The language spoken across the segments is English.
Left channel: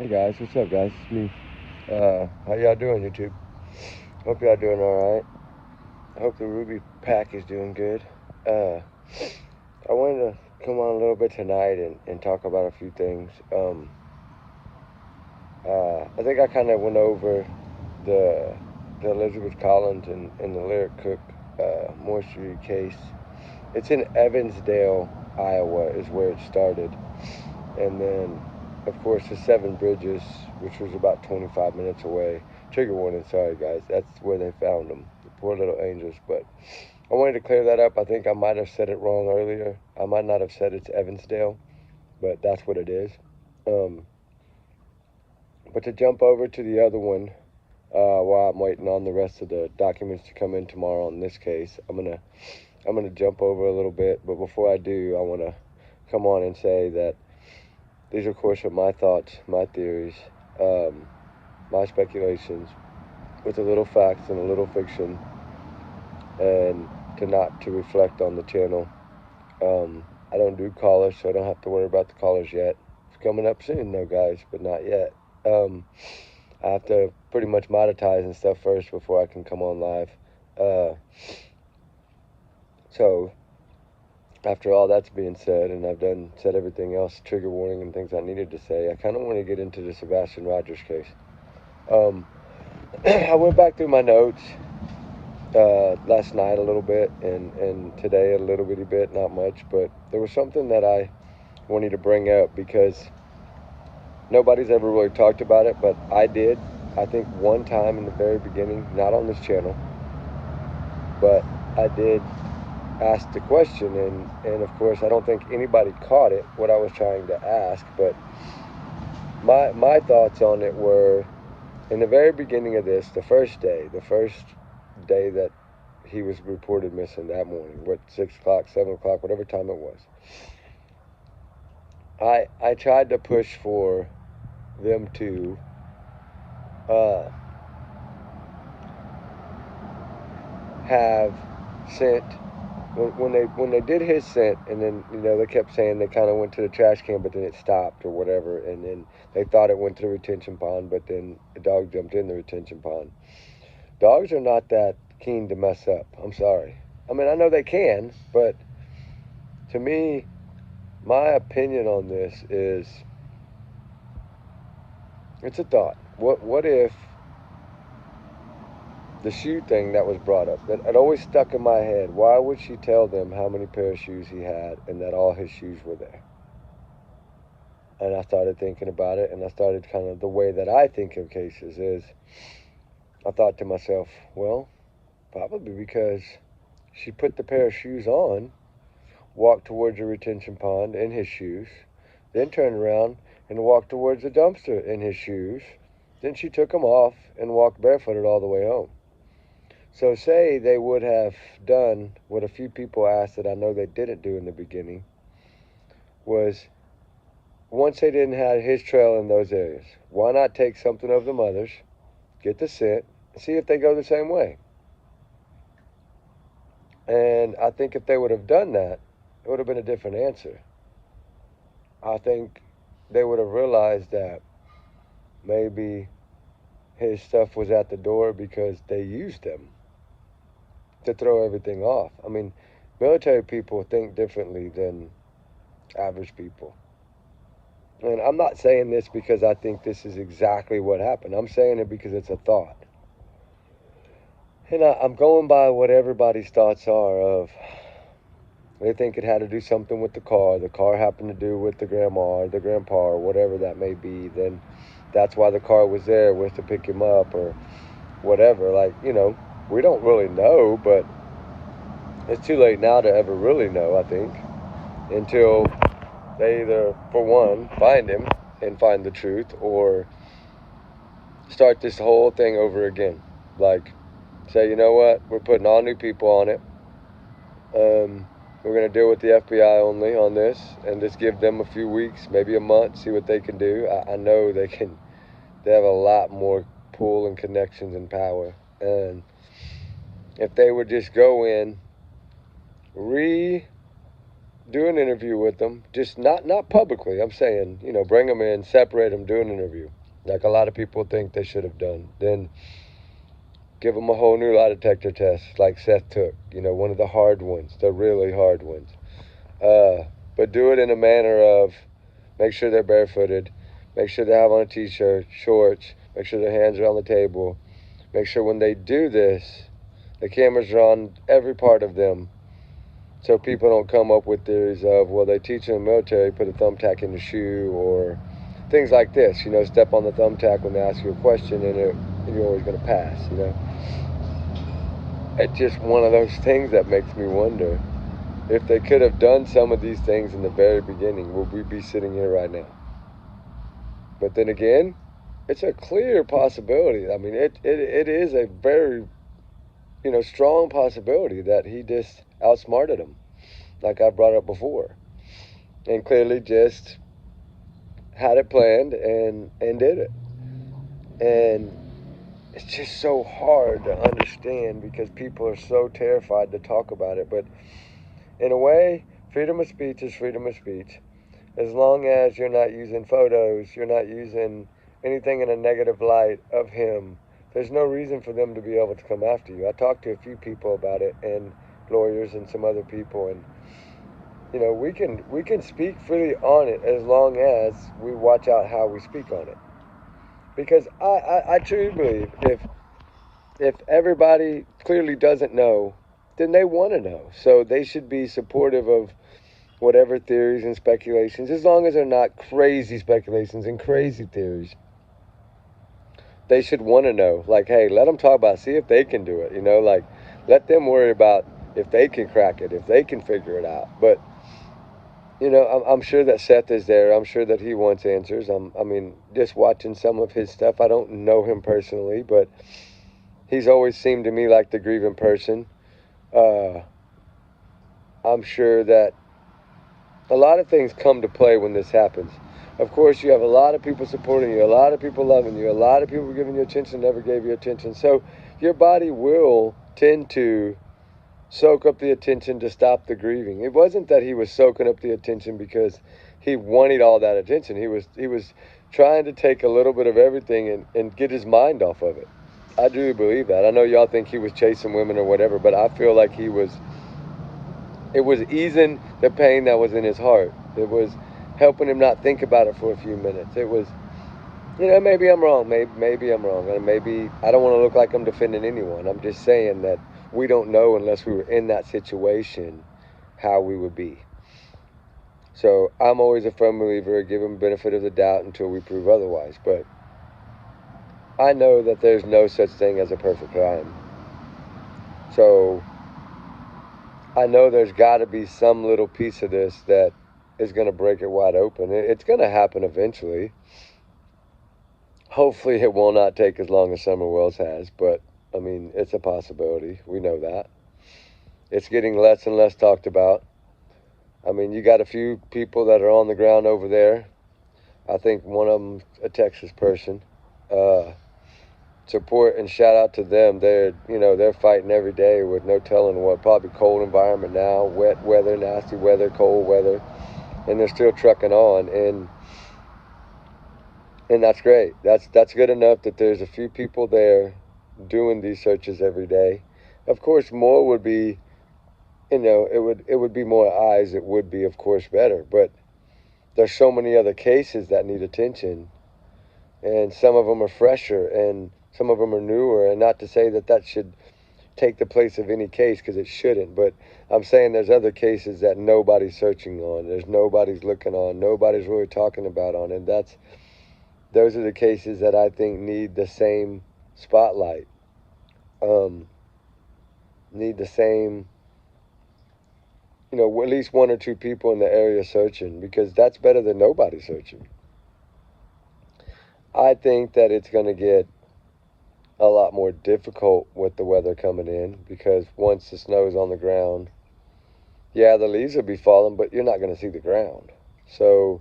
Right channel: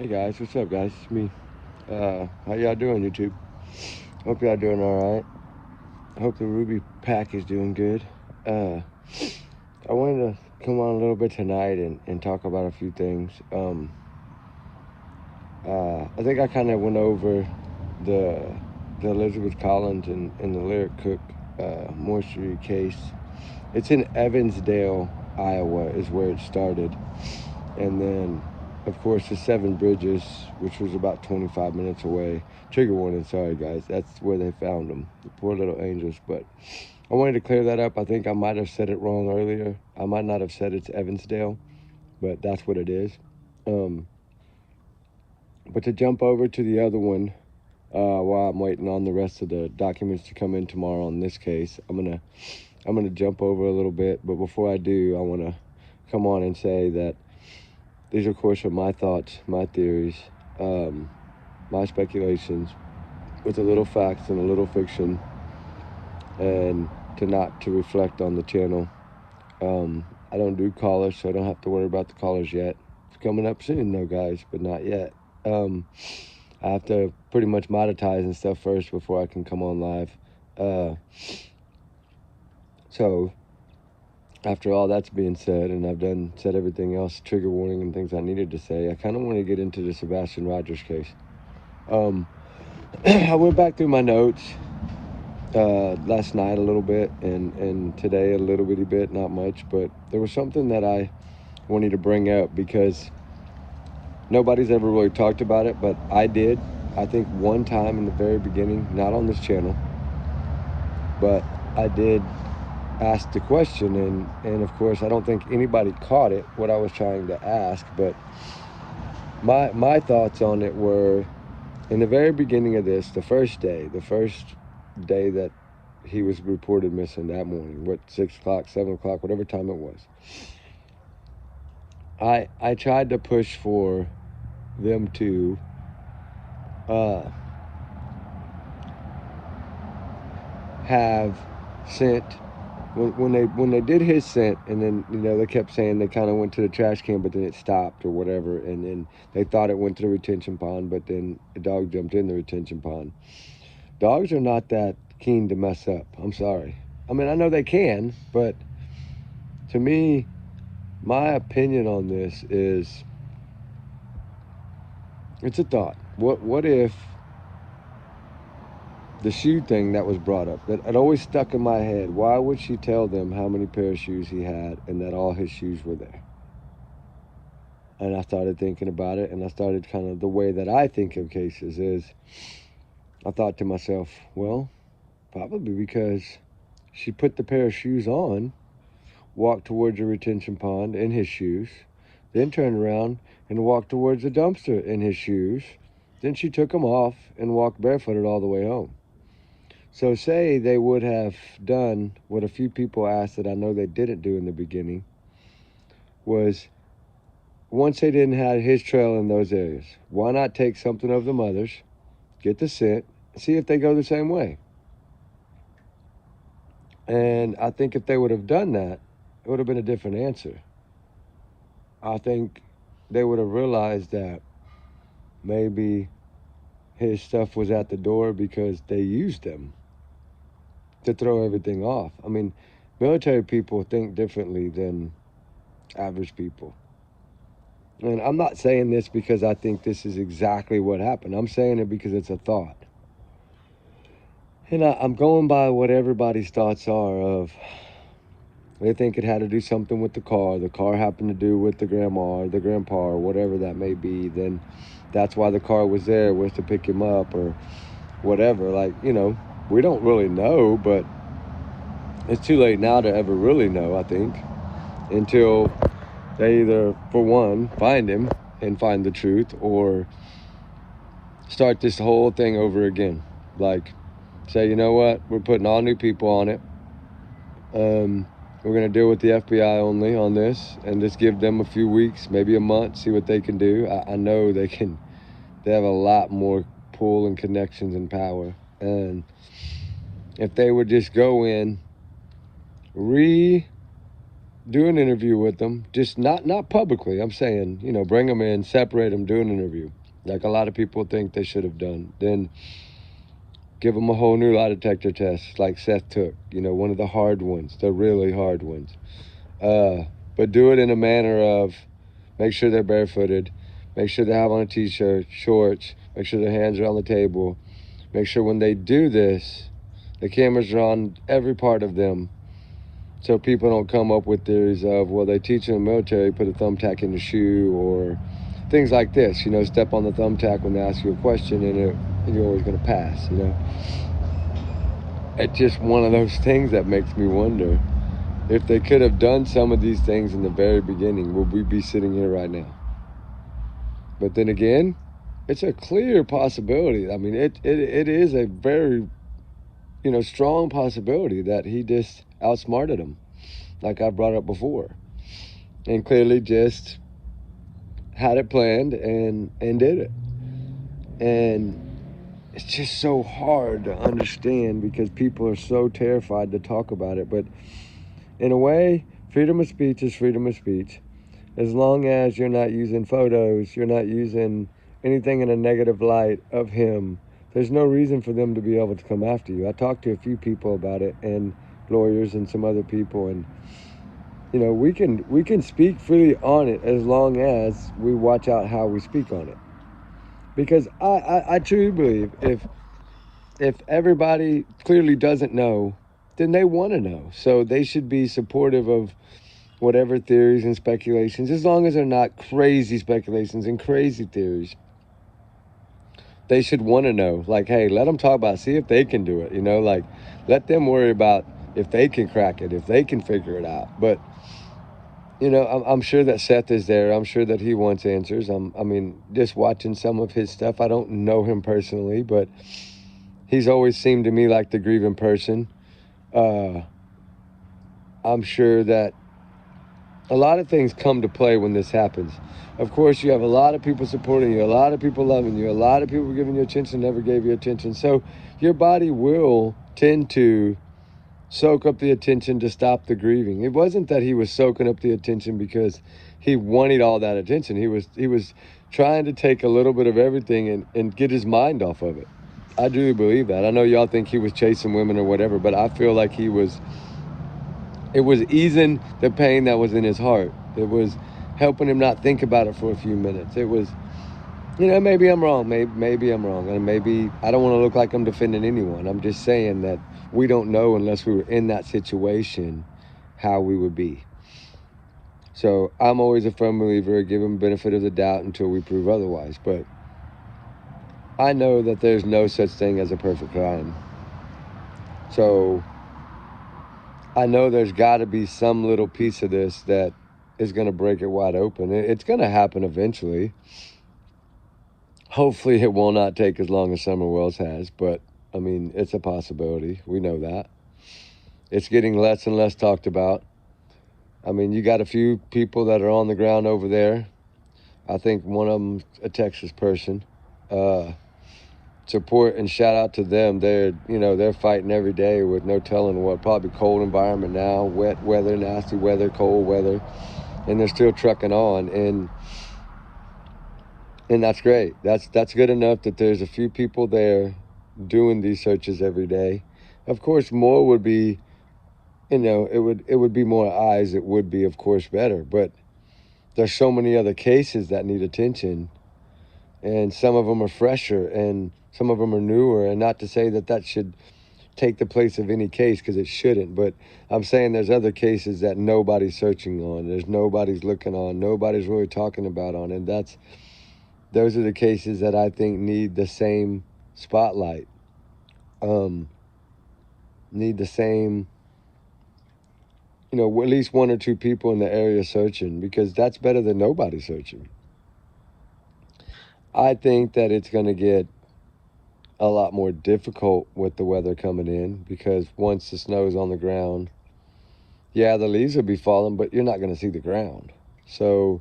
Hey guys, what's up guys? It's me. How y'all doing, YouTube? Hope y'all doing alright. I hope the Ruby pack is doing good. I wanted to come on a little bit tonight and talk about a few things. I think I kind of went over the Elizabeth Collins and the Lyric Cook mortuary case. It's in Evansdale, Iowa, is where it started. And then, of course, the Seven Bridges, which was about 25 minutes away. Trigger warning, sorry guys. That's where they found them, the poor little angels. But I wanted to clear that up. I think I might have said it wrong earlier. I might not have said it's Evansdale, but that's what it is. But to jump over to the other one, while I'm waiting on the rest of the documents to come in tomorrow on this case, I'm gonna jump over a little bit. But before I do, I want to come on and say that these, of course, are my thoughts, my theories, my speculations, with a little facts and a little fiction, and to reflect on the channel. I don't do callers, so I don't have to worry about the callers yet. It's coming up soon, though, guys, but not yet. I have to pretty much monetize and stuff first before I can come on live. So after all that's being said, and I've said everything else, trigger warning and things I needed to say, I kind of want to get into the Sebastin Rogers case. I went back through my notes last night a little bit, and today a little bitty bit, not much, but there was something that I wanted to bring up because nobody's ever really talked about it, but I did. I think one time in the very beginning, not on this channel, but I did ask the question, and of course I don't think anybody caught it, what I was trying to ask, but my thoughts on it were, in the very beginning of this, the first day that he was reported missing that morning, 6 o'clock, 7 o'clock, whatever time it was, I tried to push for them to have sent, when they did his scent, and then they kept saying they kind of went to the trash can, but then it stopped or whatever, and then they thought it went to the retention pond, but then the dog jumped in the retention pond. Dogs are not that keen to mess up. I'm sorry. I mean, I know they can, but to me, my opinion on this is, it's a thought. What if the shoe thing that was brought up, that had always stuck in my head, why would she tell them how many pair of shoes he had and that all his shoes were there? And I started thinking about it, and I started kind of, the way that I think of cases is, I thought to myself, well, probably because she put the pair of shoes on, walked towards the retention pond in his shoes, then turned around and walked towards the dumpster in his shoes. Then she took them off and walked barefooted all the way home. So say they would have done what a few people asked that I know they didn't do in the beginning, was, once they didn't have his trail in those areas, why not take something of the mother's, get the scent, see if they go the same way? And I think if they would have done that, it would have been a different answer. I think they would have realized that maybe his stuff was at the door because they used them to throw everything off. I mean, military people think differently than average people. And I'm not saying this because I think this is exactly what happened. I'm saying it because it's a thought. And I'm going by what everybody's thoughts are of, they think it had to do something with the car happened to do with the grandma or the grandpa or whatever that may be, then that's why the car was there, was to pick him up or whatever. Like, we don't really know, but it's too late now to ever really know, I think, until they either, for one, find him and find the truth, or start this whole thing over again. Like, say, you know what, we're putting all new people on it. We're going to deal with the FBI only on this, and just give them a few weeks, maybe a month, see what they can do. I know they have a lot more pull and connections and power. And if they would just go in, redo do an interview with them, just not publicly. I'm saying, bring them in, separate them, do an interview, like a lot of people think they should have done. Then give them a whole new lie detector test, like Seth took. One of the hard ones, the really hard ones. But do it in a manner of make sure they're barefooted, make sure they have on a t-shirt, shorts, make sure their hands are on the table, make sure when they do this, the cameras are on every part of them, so people don't come up with theories of, well, they teach in the military, put a thumbtack in the shoe, or things like this. Step on the thumbtack when they ask you a question, and you're always going to pass. It's just one of those things that makes me wonder if they could have done some of these things in the very beginning, would we be sitting here right now? But then again, it's a clear possibility. I mean, it is a very strong possibility that he just outsmarted him, like I brought up before, and clearly just had it planned and did it. And it's just so hard to understand because people are so terrified to talk about it. But in a way, freedom of speech is freedom of speech. As long as you're not using photos, you're not using anything in a negative light of him, there's no reason for them to be able to come after you. I talked to a few people about it, and lawyers and some other people, and we can speak freely on it as long as we watch out how we speak on it. Because I truly believe if everybody clearly doesn't know, then they want to know. So they should be supportive of whatever theories and speculations, as long as they're not crazy speculations and crazy theories. They should want to know, like, hey, let them talk about it, see if they can do it, like, let them worry about if they can crack it, if they can figure it out. But, I'm sure that Seth is there. I'm sure that he wants answers. Just watching some of his stuff, I don't know him personally, but he's always seemed to me like the grieving person. I'm sure that a lot of things come to play when this happens. Of course, you have a lot of people supporting you, a lot of people loving you, a lot of people giving you attention, never gave you attention. So your body will tend to soak up the attention to stop the grieving. It wasn't that he was soaking up the attention because he wanted all that attention. He was trying to take a little bit of everything and get his mind off of it. I do believe that. I know y'all think he was chasing women or whatever, but I feel like it was easing the pain that was in his heart. It was helping him not think about it for a few minutes. It was, maybe I'm wrong. Maybe I'm wrong. And maybe I don't want to look like I'm defending anyone. I'm just saying that we don't know unless we were in that situation how we would be. So I'm always a firm believer, give him benefit of the doubt until we prove otherwise. But I know that there's no such thing as a perfect crime. So I know there's got to be some little piece of this that is going to break it wide open. It's going to happen eventually. Hopefully it will not take as long as Summer Wells has, but it's a possibility. We know that. It's getting less and less talked about. You got a few people that are on the ground over there. I think one of them's a Texas person. Support and shout out to them. They're fighting every day with no telling what. Probably cold environment now, wet weather, nasty weather, cold weather, and they're still trucking on. And that's great. That's good enough that there's a few people there doing these searches every day. Of course, more would be, it would be more eyes. It would be, of course, better. But there's so many other cases that need attention, and some of them are fresher, and some of them are newer. And not to say that should take the place of any case, because it shouldn't. But I'm saying there's other cases that nobody's searching on. There's nobody's looking on. Nobody's really talking about on. And those are the cases that I think need the same spotlight. Need the same, at least one or two people in the area searching, because that's better than nobody searching. I think that it's going to get a lot more difficult with the weather coming in, because once the snow's on the ground, yeah, the leaves will be falling, but you're not going to see the ground. So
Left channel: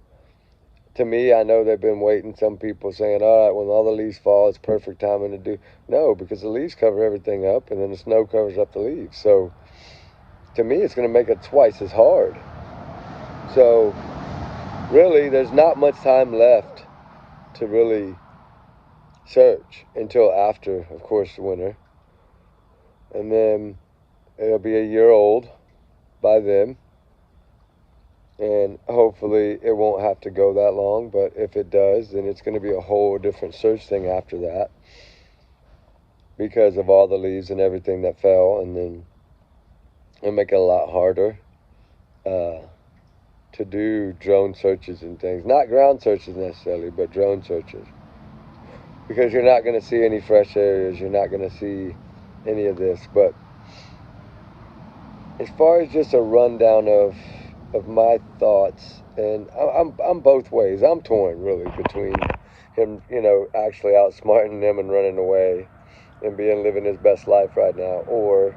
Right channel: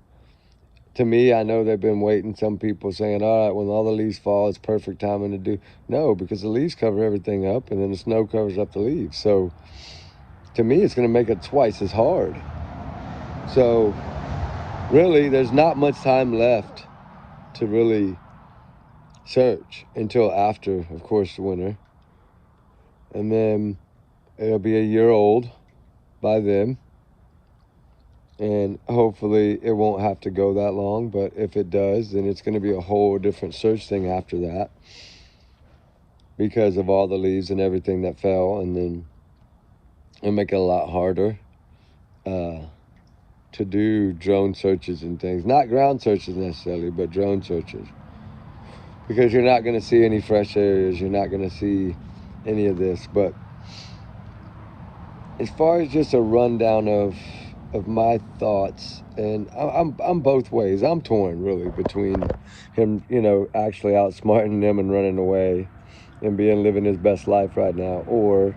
to me, I know they've been waiting. Some people saying, all right, when all the leaves fall, it's perfect timing to do. No, because the leaves cover everything up, and then the snow covers up the leaves. So to me, it's going to make it twice as hard. So really, there's not much time left to really search until after, of course, the winter. And then it'll be a year old by then. And hopefully it won't have to go that long. But if it does, then it's going to be a whole different search thing after that, because of all the leaves and everything that fell. And then it'll make it a lot harder to do drone searches and things. Not ground searches necessarily, but drone searches. Because you're not going to see any fresh areas. You're not going to see any of this. But as far as just a rundown of my thoughts, and I'm both ways. I'm torn really between him, actually outsmarting them and running away and living his best life right now, or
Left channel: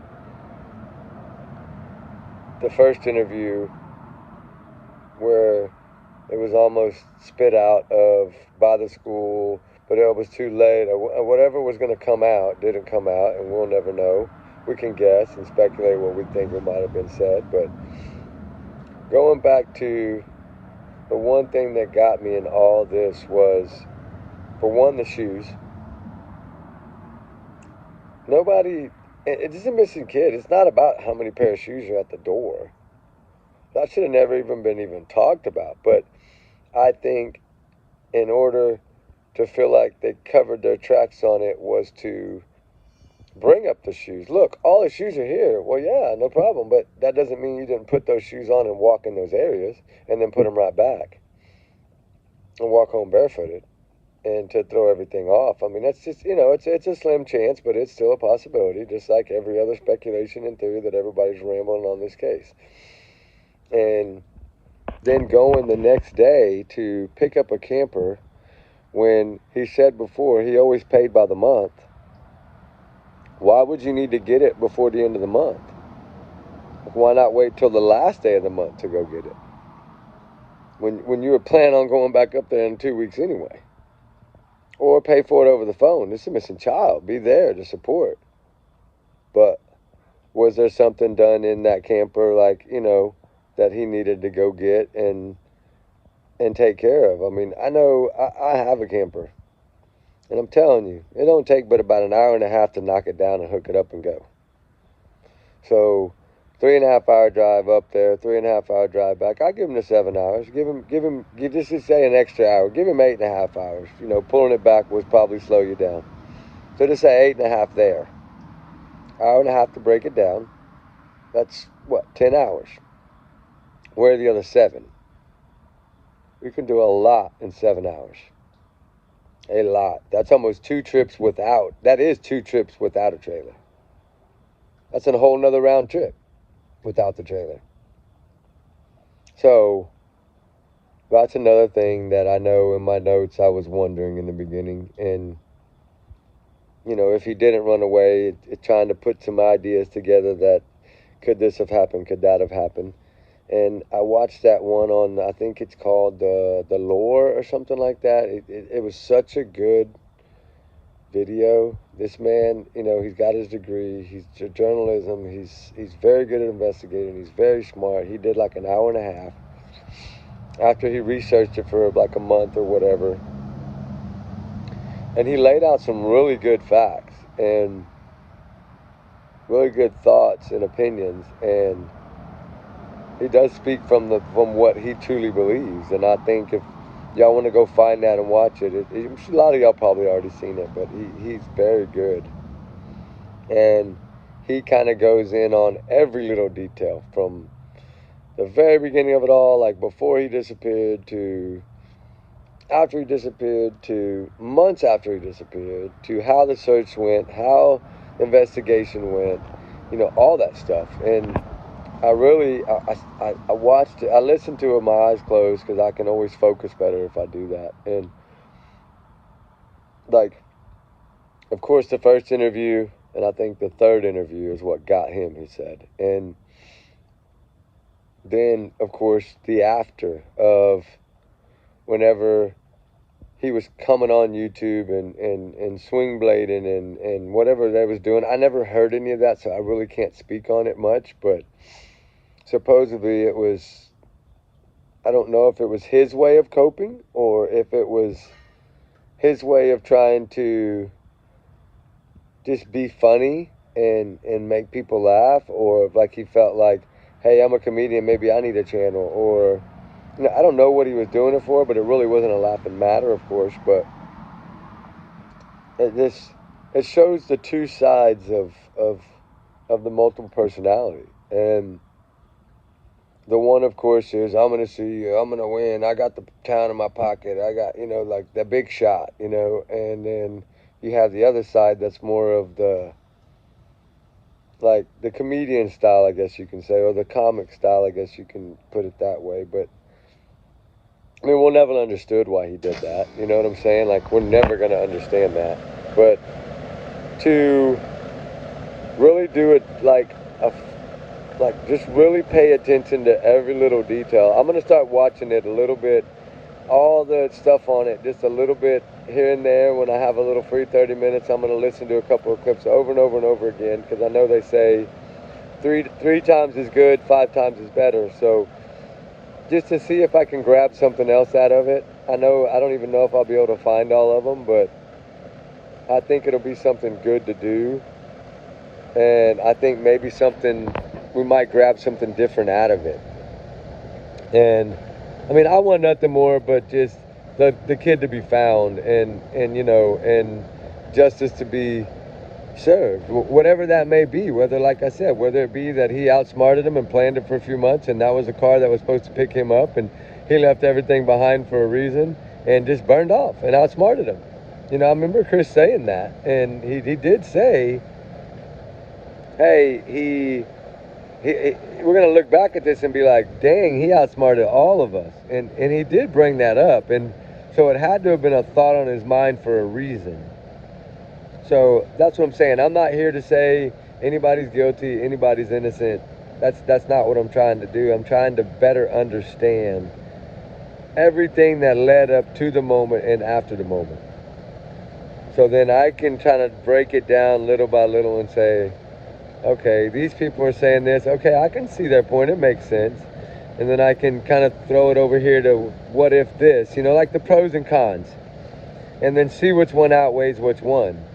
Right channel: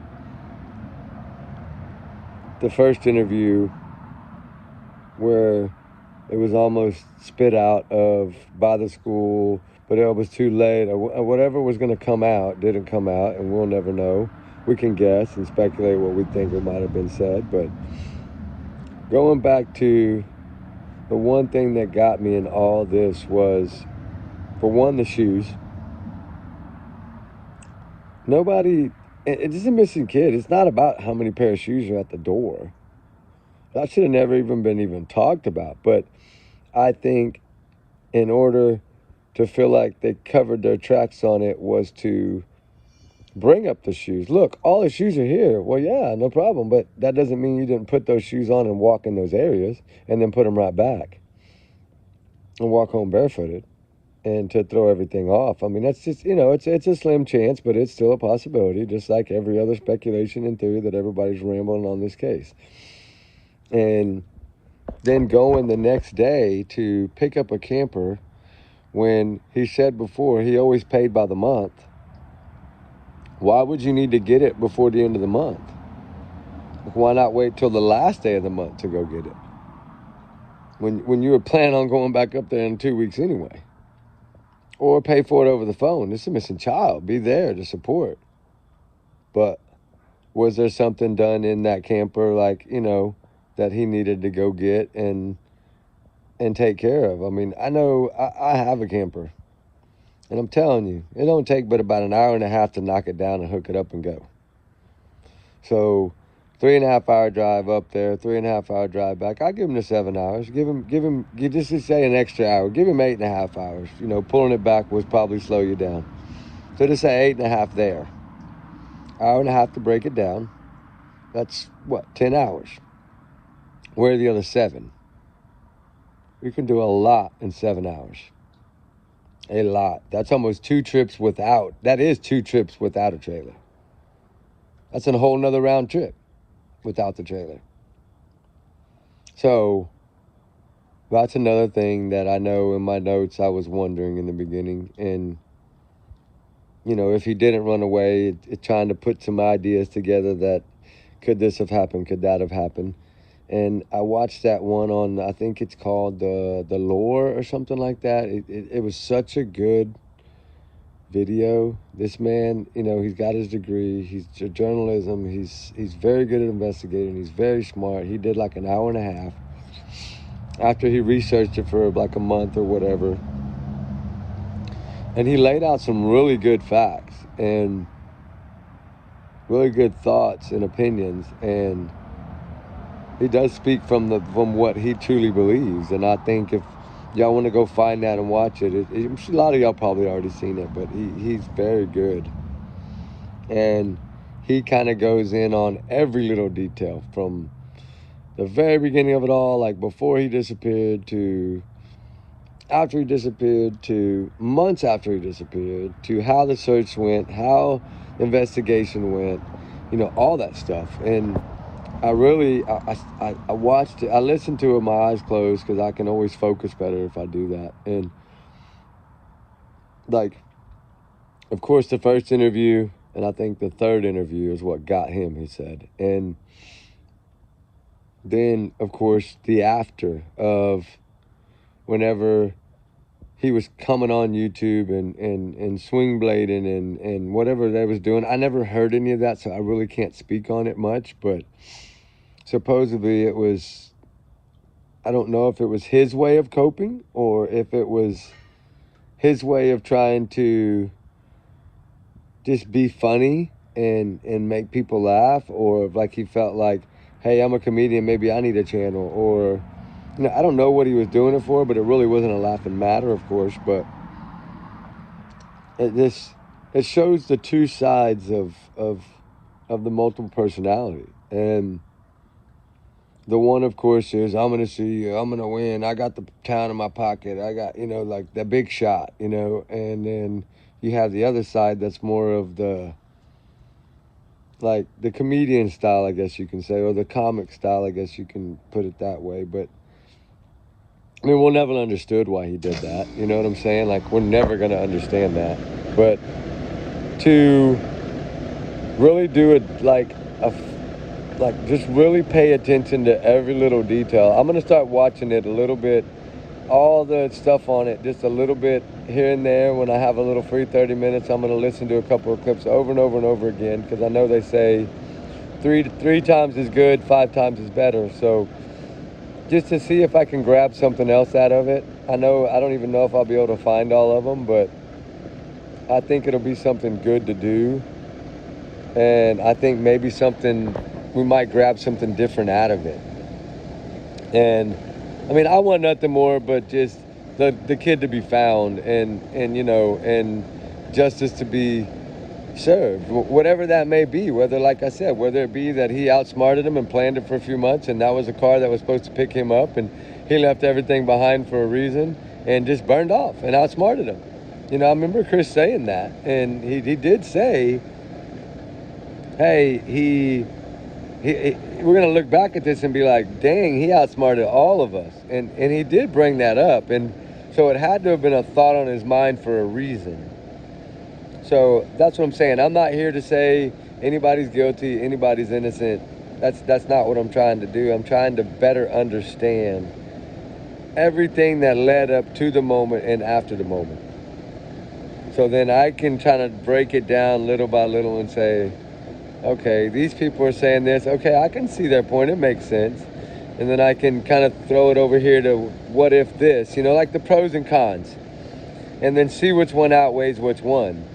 the first interview where it was almost spit out of by the school, but it was too late, or whatever was going to come out didn't come out, and we'll never know. We can guess and speculate what we think it might have been said, but going back to the one thing that got me in all this was, for one, the shoes. Nobody, it's a missing kid. It's not about how many pair of shoes are at the door. That should have never even been talked about. But I think in order to feel like they covered their tracks on it was to bring up the shoes. Look, all the shoes are here. Well, yeah, no problem. But that doesn't mean you didn't put those shoes on and walk in those areas and then put them right back and walk home barefooted and to throw everything off. I mean, that's just, it's a slim chance, but it's still a possibility, just like every other speculation and theory that everybody's rambling on this case. And then going the next day to pick up a camper when he said before he always paid by the month. Why would you need to get it before the end of the month? Like, why not wait till the last day of the month to go get it? When you were planning on going back up there in 2 weeks anyway. Or pay for it over the phone. This is a missing child. Be there to support. But was there something done in that camper, like, that he needed to go get and take care of? I mean, I know I have a camper. And I'm telling you, it don't take but about an hour and a half to knock it down and hook it up and go. So 3.5 hour drive up there, 3.5 hour drive back. I give him the 7 hours. Give him, just to say an extra hour. Give him 8.5 hours. Pulling it back would probably slow you down. So to say 8.5 there. Hour and a half to break it down. That's what, 10 hours. Where are the other 7? We can do a lot in 7 hours. A lot. That's almost 2 trips without. That is 2 trips without a trailer. That's a whole nother round trip without the trailer. So that's another thing that I know in my notes I was wondering in the beginning. And, if he didn't run away, trying to put some ideas together that could this have happened? Could that have happened? And I watched that one on, I think it's called The Lore or something like that. It was such a good video. This man, he's got his degree. He's journalism. He's very good at investigating. He's very smart. He did like an hour and a half after he researched it for like a month or whatever. And he laid out some really good facts and really good thoughts and opinions. And he does speak from what he truly believes. And I think if y'all want to go find that and watch it, a lot of y'all probably already seen it, but he's very good. And he kind of goes in on every little detail from the very beginning of it all, like before he disappeared to after he disappeared to months after he disappeared to how the search went, how the investigation went, all that stuff. And I watched it. I listened to it with my eyes closed because I can always focus better if I do that. And like, of course, the first interview and I think the third interview is what got him, he said. And then, of course, the after of whenever he was coming on YouTube and swing blading and whatever they was doing. I never heard any of that, so I really can't speak on it much, but supposedly it was I don't know if it was his way of coping or if it was his way of trying to just be funny and make people laugh, or if like he felt like, hey, I'm a comedian, maybe I need a channel, or I don't know what he was doing it for, but it really wasn't a laughing matter, of course. But it shows the two sides of the multiple personality. And the one, of course, is I'm going to see you, I'm going to win, I got the town in my pocket, I got, like the big shot, and then you have the other side that's more of the, like the comedian style, I guess you can say, or the comic style, I guess you can put it that way. But I mean, we'll never understood why he did that. You know what I'm saying? Like, we're never going to understand that. But to really do it like just really pay attention to every little detail. I'm going to start watching it a little bit, all the stuff on it, just a little bit here and there. When I have a little free 30 minutes, I'm going to listen to a couple of clips over and over and over again, because I know they say three times is good, 5 times is better. So just to see if I can grab something else out of it. I don't even know if I'll be able to find all of them, but I think it'll be something good to do. And I think maybe we might grab something different out of it. And I mean, I want nothing more but just the kid to be found, and justice to be served, whatever that may be. Whether, like I said, whether it be that he outsmarted him and planned it for a few months, and that was a car that was supposed to pick him up, and he left everything behind for a reason and just burned off and outsmarted him. I remember Chris saying that, and he did say, hey, we're going to look back at this and be like, dang, he outsmarted all of us. And he did bring that up. And so it had to have been a thought on his mind for a reason. So that's what I'm saying. I'm not here to say anybody's guilty, anybody's innocent. That's not what I'm trying to do. I'm trying to better understand everything that led up to the moment and after the moment. So then I can kind of break it down little by little and say, okay, these people are saying this. Okay, I can see their point. It makes sense. And then I can kind of throw it over here to what if this, like the pros and cons. And then see which one outweighs which one.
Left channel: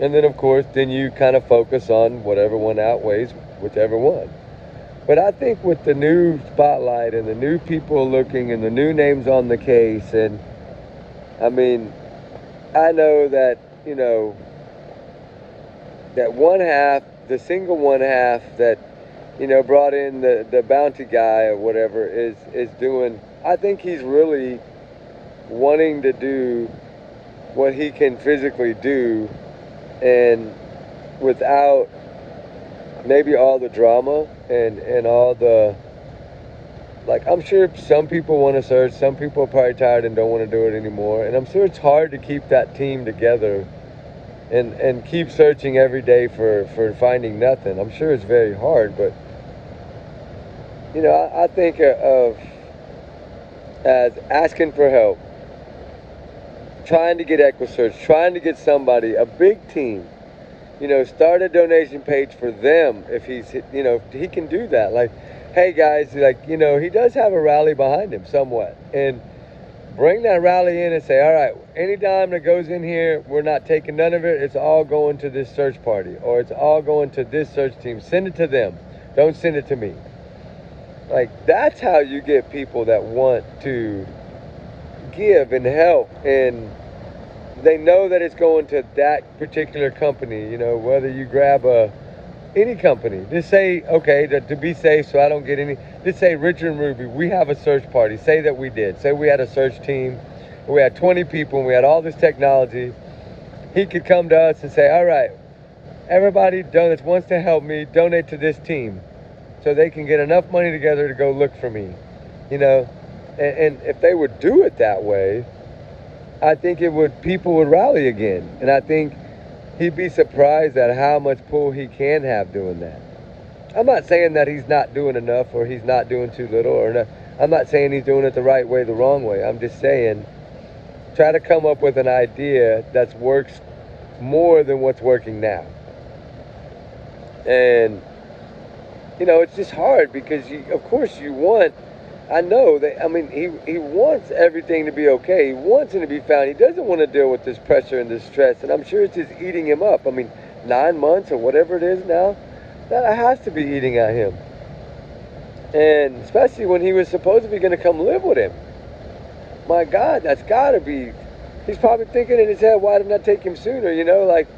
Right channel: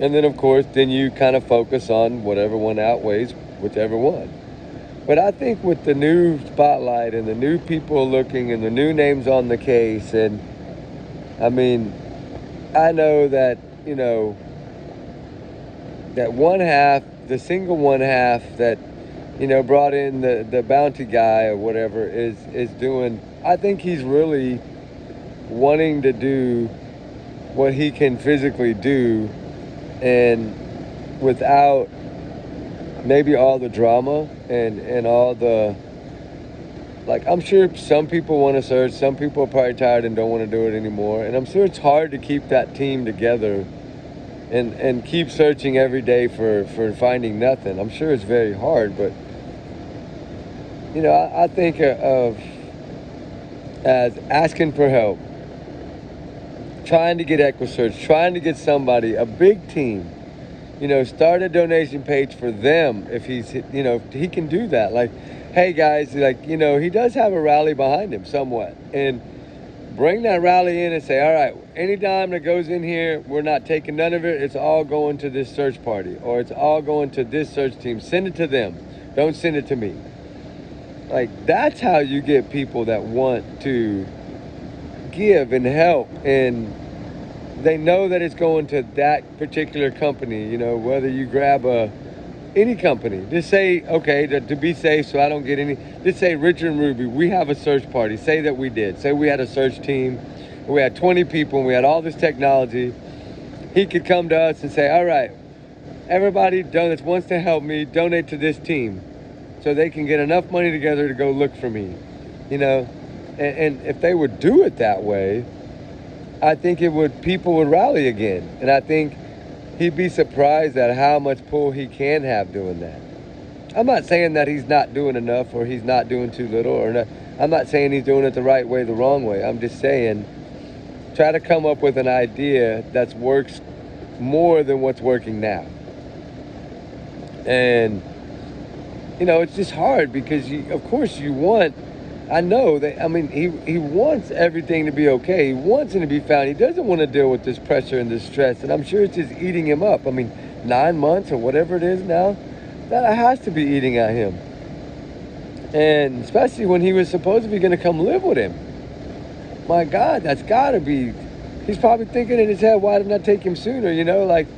And then, of course, then you kind of focus on whatever one outweighs whichever one. But I think with the new spotlight and the new people looking and the new names on the case, and I mean, I know that, that one half, the single one half that, brought in the bounty guy or whatever is doing, I think he's really wanting to do what he can physically do, and without maybe all the drama and all the, like, I'm sure some people want to search, some people are probably tired and don't want to do it anymore, and I'm sure it's hard to keep that team together and keep searching every day for finding nothing. I'm sure it's very hard, but I think of as asking for help, trying to get EquiSearch, trying to get somebody, a big team, start a donation page for them. If he can do that. Like, hey guys, like, he does have a rally behind him somewhat, and bring that rally in and say, all right, any dime that goes in here, we're not taking none of it. It's all going to this search party, or it's all going to this search team. Send it to them. Don't send it to me. Like, that's how you get people that want to give and help, and they know that it's going to that particular company. Whether you grab any company, just say, okay, to be safe, so I don't get any, just say, Richard and Ruby, we have a search party. Say that we did. Say we had a search team, we had 20 people, and we had all this technology. He could come to us and say, all right, everybody that wants to help me, donate to this team so they can get enough money together to go look for me. And if they would do it that way, I think people would rally again. And I think he'd be surprised at how much pull he can have doing that. I'm not saying that he's not doing enough or he's not doing too little, or not. I'm not saying he's doing it the right way, the wrong way. I'm just saying, try to come up with an idea that works more than what's working now. And, it's just hard because, of course, you want I know that, I mean, he wants everything to be okay. He wants it to be found. He doesn't want to deal with this pressure and this stress. And I'm sure it's just eating him up. I mean, 9 months or whatever it is now, that has to be eating at him. And especially when he was supposed to be going to come live with him. My God, that's got to be. He's probably thinking in his head, why didn't I take him sooner? You know, like,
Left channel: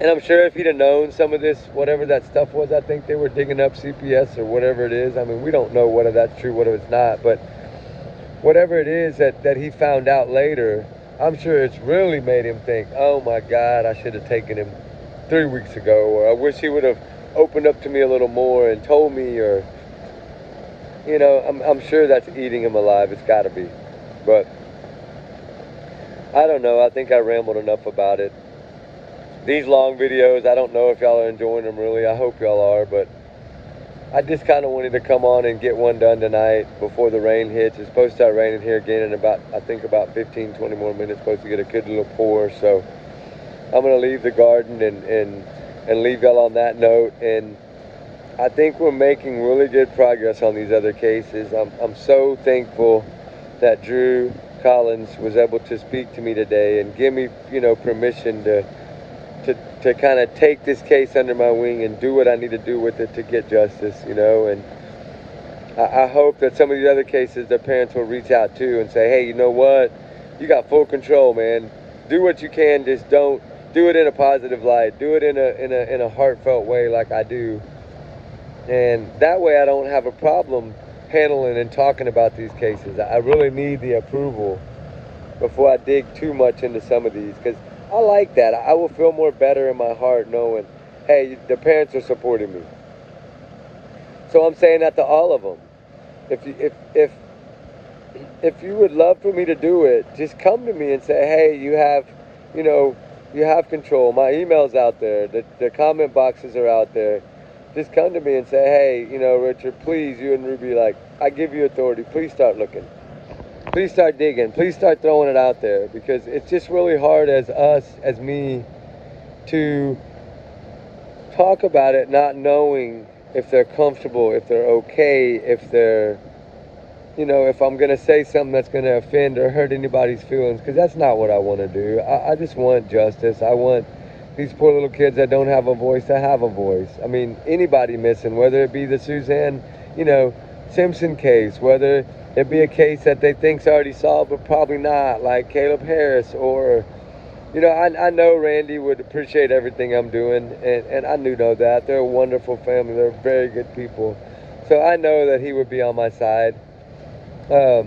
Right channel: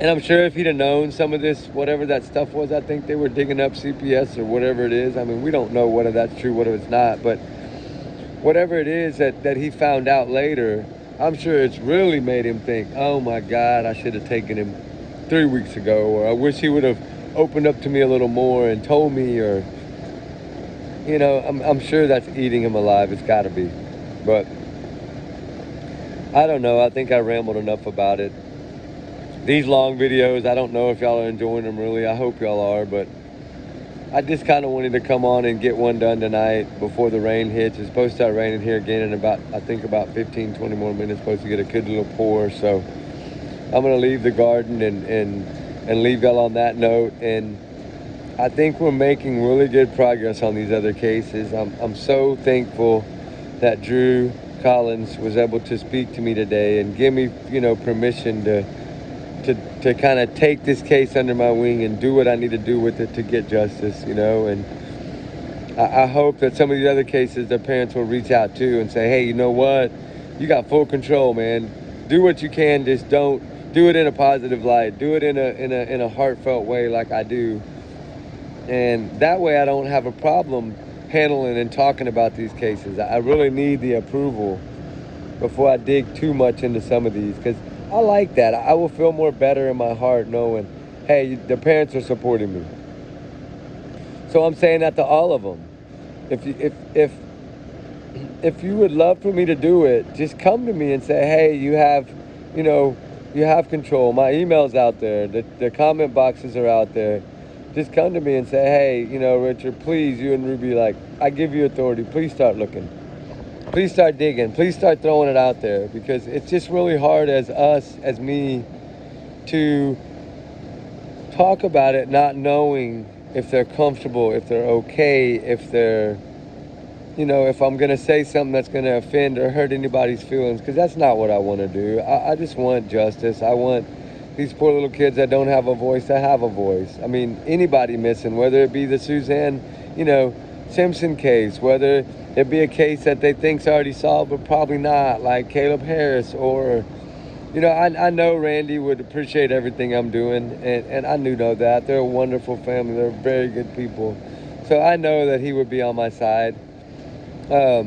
and I'm sure if he'd have known some of this, whatever that stuff was, I think they were digging up CPS or whatever it is. I mean, we don't know whether that's true, whether it's not, but whatever it is that he found out later, I'm sure it's really made him think, oh my God, I should have taken him 3 weeks ago, or I wish he would have opened up to me a little more and told me, or, you know, I'm sure that's eating him alive. It's got to be. But I don't know. I think I rambled enough about it. These long videos, I don't know if y'all are enjoying them really. I hope y'all are, but I just kind of wanted to come on and get one done tonight before the rain hits. It's supposed to start raining here again in about, I think about 15, 20 more minutes. Supposed to get a good little pour. So I'm going to leave the garden and leave y'all on that note. And I think we're making really good progress on these other cases. I'm so thankful that Drew Collins was able to speak to me today and give me, you know, permission to kind of take this case under my wing and do what I need to do with it to get justice, you know. And I hope that some of these other cases, the parents will reach out to and say, hey, you know what? You got full control, man. Do what you can. Just don't do it in a positive light. Do it in a heartfelt way like I do. And that way I don't have a problem handling and talking about these cases. I really need the approval before I dig too much into some of these, because I like that. I will feel more better in my heart knowing, hey, the parents are supporting me. So I'm saying that to all of them. If you would love for me to do it, just come to me and say, hey, you have control. My email's out there. The comment boxes are out there. Just come to me and say, hey, you know, Richard, please, you and Ruby, like, I give you authority. Please start looking. Please start digging. Please start throwing it out there, because it's just really hard as me, to talk about it not knowing if they're comfortable, if they're okay, if they're, you know, if I'm going to say something that's going to offend or hurt anybody's feelings, because that's not what I want to do. I just want justice. I want these poor little kids that don't have a voice to have a voice. I mean, anybody missing, whether it be the Suzanne, you know, Simpson case, whether it be a case that they think's already solved but probably not, like Caleb Harris, or, you know, I know Randy would appreciate everything I'm doing, and I do know that. They're a wonderful family. They're very good people. So I know that he would be on my side. I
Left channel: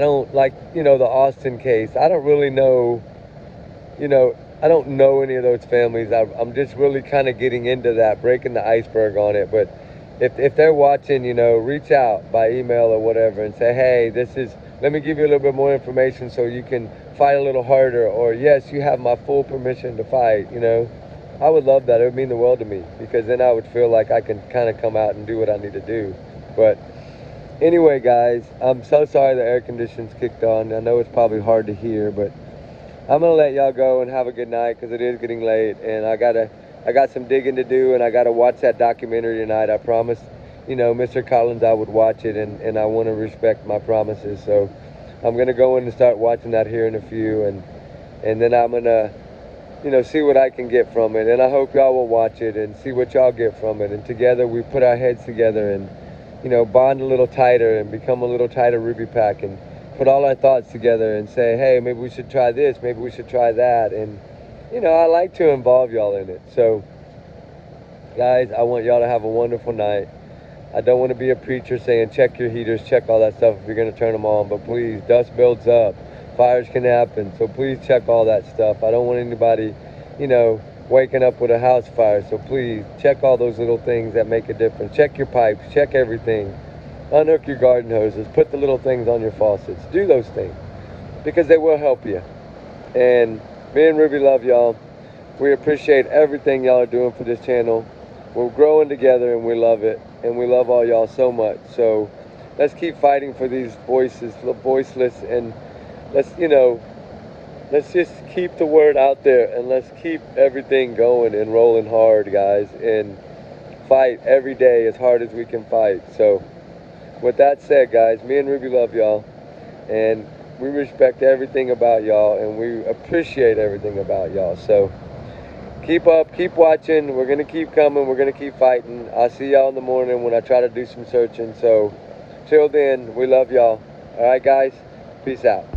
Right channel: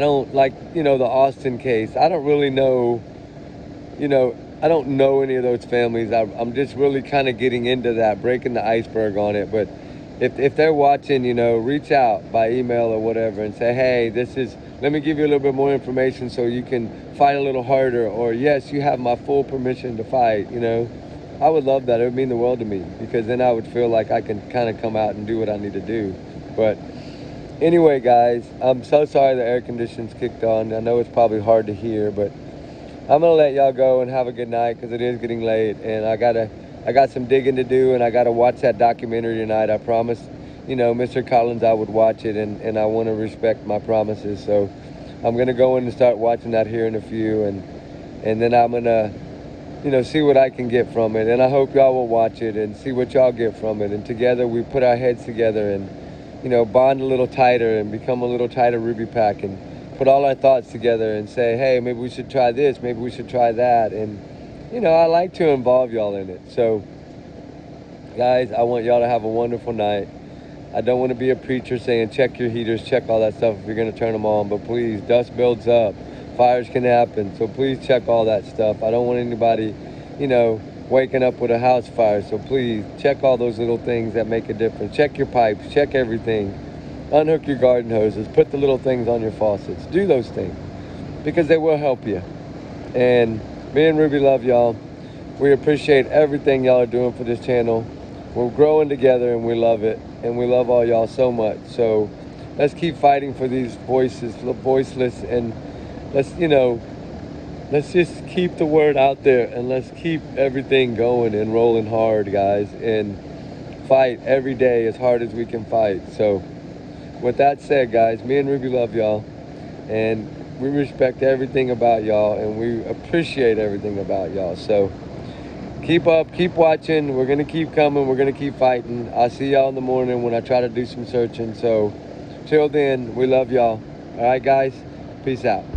don't, like, you know, the Austin case. I don't really know, you know, I don't know any of those families. I'm just really kind of getting into that, breaking the iceberg on it. But if they're watching, you know, reach out by email or whatever and say, hey, let me give you a little bit more information so you can fight a little harder, or yes, you have my full permission to fight, you know. I would love that. It would mean the world to me, because then I would feel like I can kind of come out and do what I need to do. But anyway, guys, I'm so sorry the air conditioning's kicked on. I know it's probably hard to hear, but I'm gonna let y'all go and have a good night, because it is getting late, and I got some digging to do, and I gotta watch that documentary tonight. I promised, you know, Mr. Collins I would watch it, and I want to respect my promises. So I'm gonna go in and start watching that here in a few, and then I'm gonna, you know, see what I can get from it. And I hope y'all will watch it and see what y'all get from it. And together we put our heads together and, you know, bond a little tighter and become a little tighter Ruby Pack, and put all our thoughts together and say, hey, maybe we should try this, maybe we should try that. And, you know, I like to involve y'all in it. So, guys, I want y'all to have a wonderful night. I don't want to be a preacher saying check your heaters, check all that stuff if you're going to turn them on. But please, dust builds up. Fires can happen. So please check all that stuff. I don't want anybody, you know, waking up with a house fire. So please check all those little things that make a difference. Check your pipes. Check everything. Unhook your garden hoses. Put the little things on your faucets. Do those things, because they will help you. And me and Ruby love y'all. We appreciate everything y'all are doing for this channel. We're growing together, and we love it. And we love all y'all so much. So let's keep fighting for these voices, the voiceless, and let's just keep the word out there, and let's keep everything going and rolling hard, guys, and fight every day as hard as we can fight. So with that said, guys, me and Ruby love y'all, and we respect everything about y'all, and we appreciate everything about y'all. So keep up, keep watching. We're gonna keep coming. We're gonna keep fighting. I'll see y'all in the morning when I try to do some searching. So till then, we love y'all. All right, guys, peace out.